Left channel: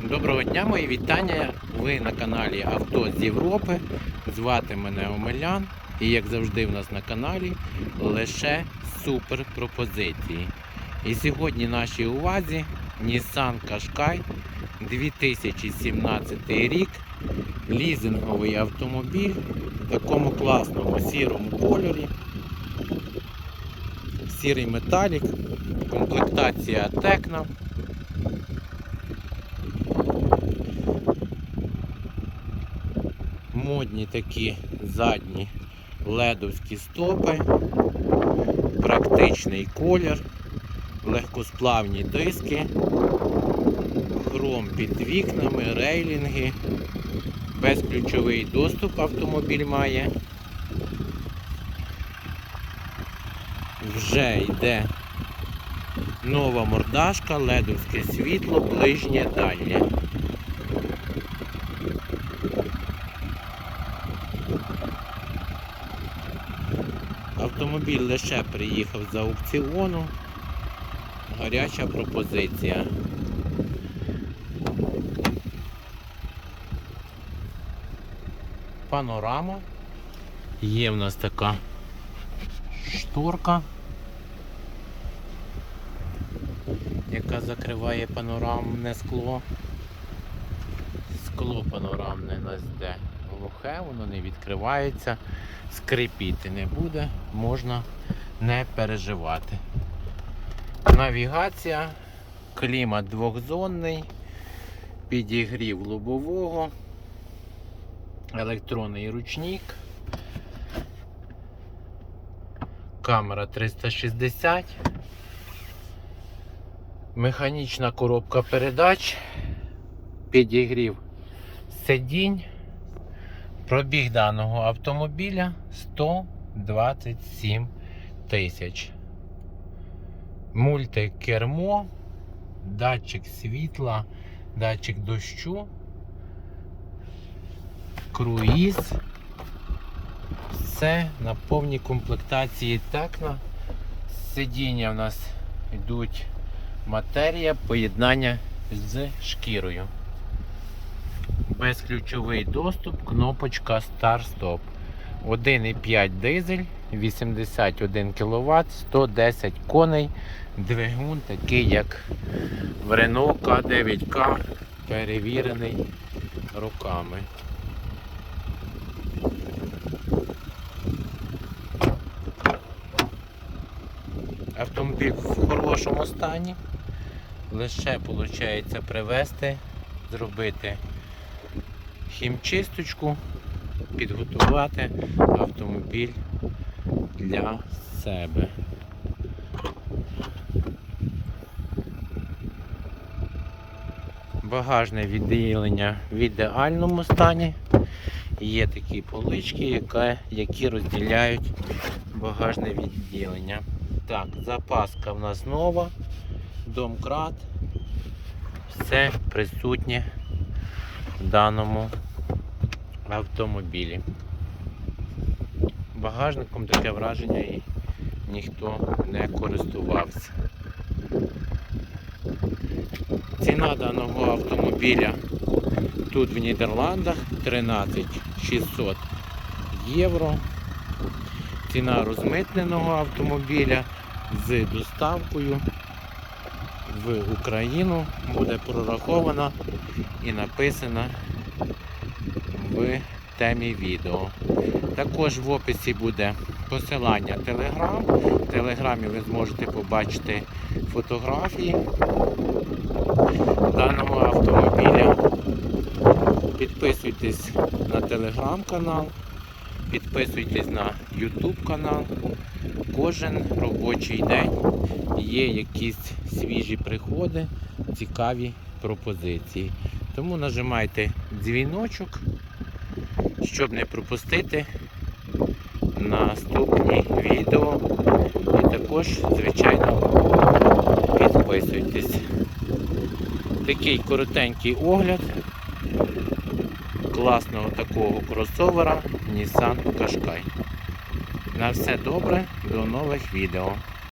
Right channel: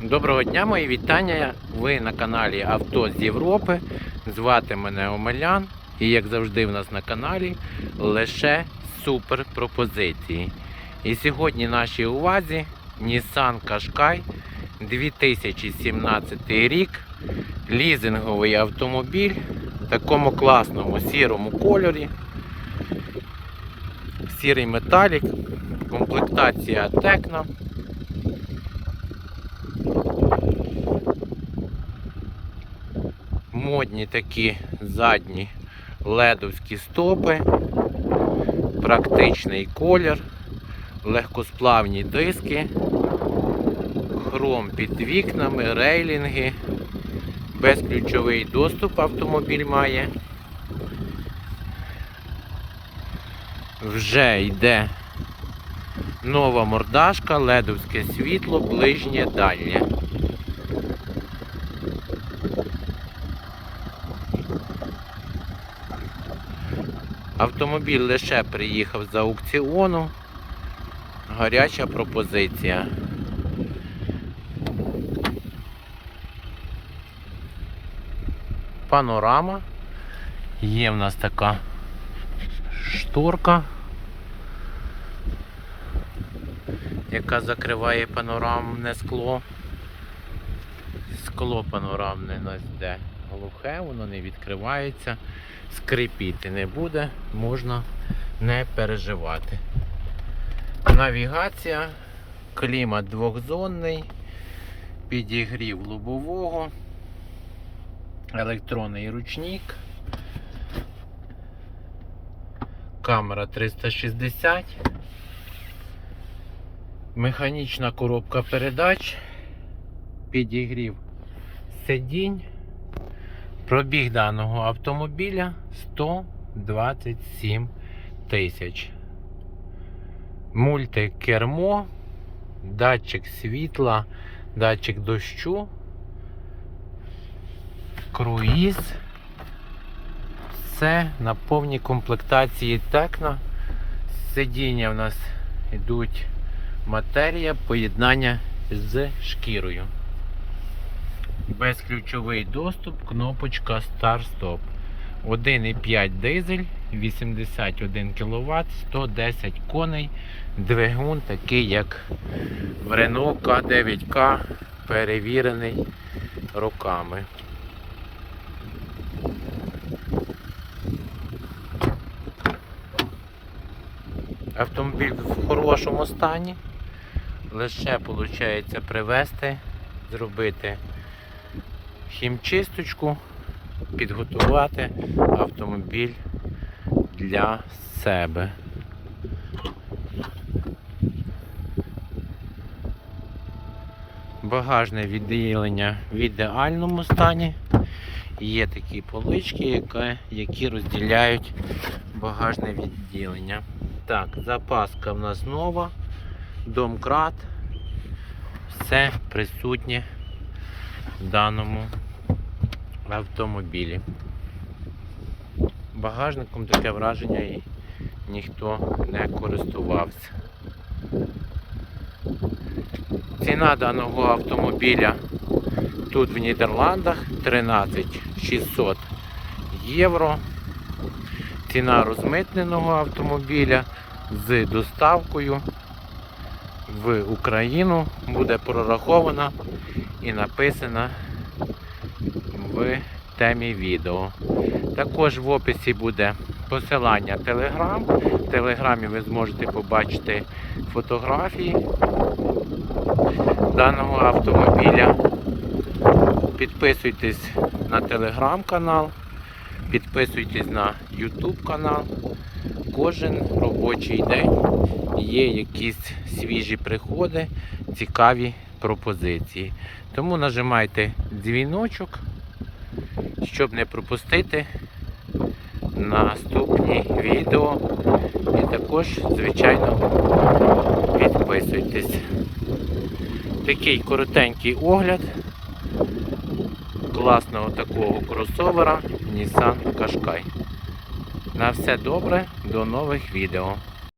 Доброго дня, мої вітання. Ви на каналі Авто з Європи. Звати мене Омелян. І як завжди в нас на каналі лише супер пропозиції. І сьогодні нашій увазі Nissan Qashqai 2017 рік. Лізинговий автомобіль в такому класному сірому кольорі. Сірий металік, комплектація Tecno. Модні такі задні ледовські стопи, практичний колір, легкосплавні диски, хром під вікнами, рейлінги, безключовий доступ автомобіль має. Вже йде нова мордашка, ледовське світло, ближнє дальнє. Автомобіль лише приїхав з аукціону. Гаряча пропозиція. Панорама. Є в нас така шторка, яка закриває панорамне скло. Скло панорамне у нас йде глухе, воно не відкривається скрипіти не буде, можна не переживати. Навігація, клімат двохзонний, підігрів лобового, електронний ручник, камера 360, механічна коробка передач, підігрів сидінь. Пробіг даного автомобіля 127 тисяч. Мультикермо, датчик світла, датчик дощу, круїз. Все на повній комплектації текна. Сидіння в нас йдуть матерія поєднання з шкірою безключовий доступ, кнопочка Start-Stop. 1,5 дизель, 81 кВт, 110 коней. Двигун такий, як в Renault K9K, перевірений роками. Автомобіль в хорошому стані. Лише виходить привезти, зробити хімчисточку, підготувати автомобіль для себе. Багажне відділення в ідеальному стані. Є такі полички, які розділяють багажне відділення. Так, запаска в нас нова, домкрат, все присутнє даному автомобілі. Багажником таке враження і ніхто не користувався. Ціна даного автомобіля тут в Нідерландах 13 600 євро. Ціна розмитненого автомобіля з доставкою в Україну буде прорахована і написана в темі відео. Також в описі буде посилання Telegram. В Телеграмі ви зможете побачити фотографії даного автомобіля. Підписуйтесь на телеграм-канал, підписуйтесь на YouTube канал. Кожен робочий день є якісь свіжі приходи, цікаві пропозиції. Тому нажимайте дзвіночок, щоб не пропустити наступні відео. І також, звичайно, підписуйтесь. Такий коротенький огляд класного такого кросовера Nissan Qashqai. На все добре, до нових відео.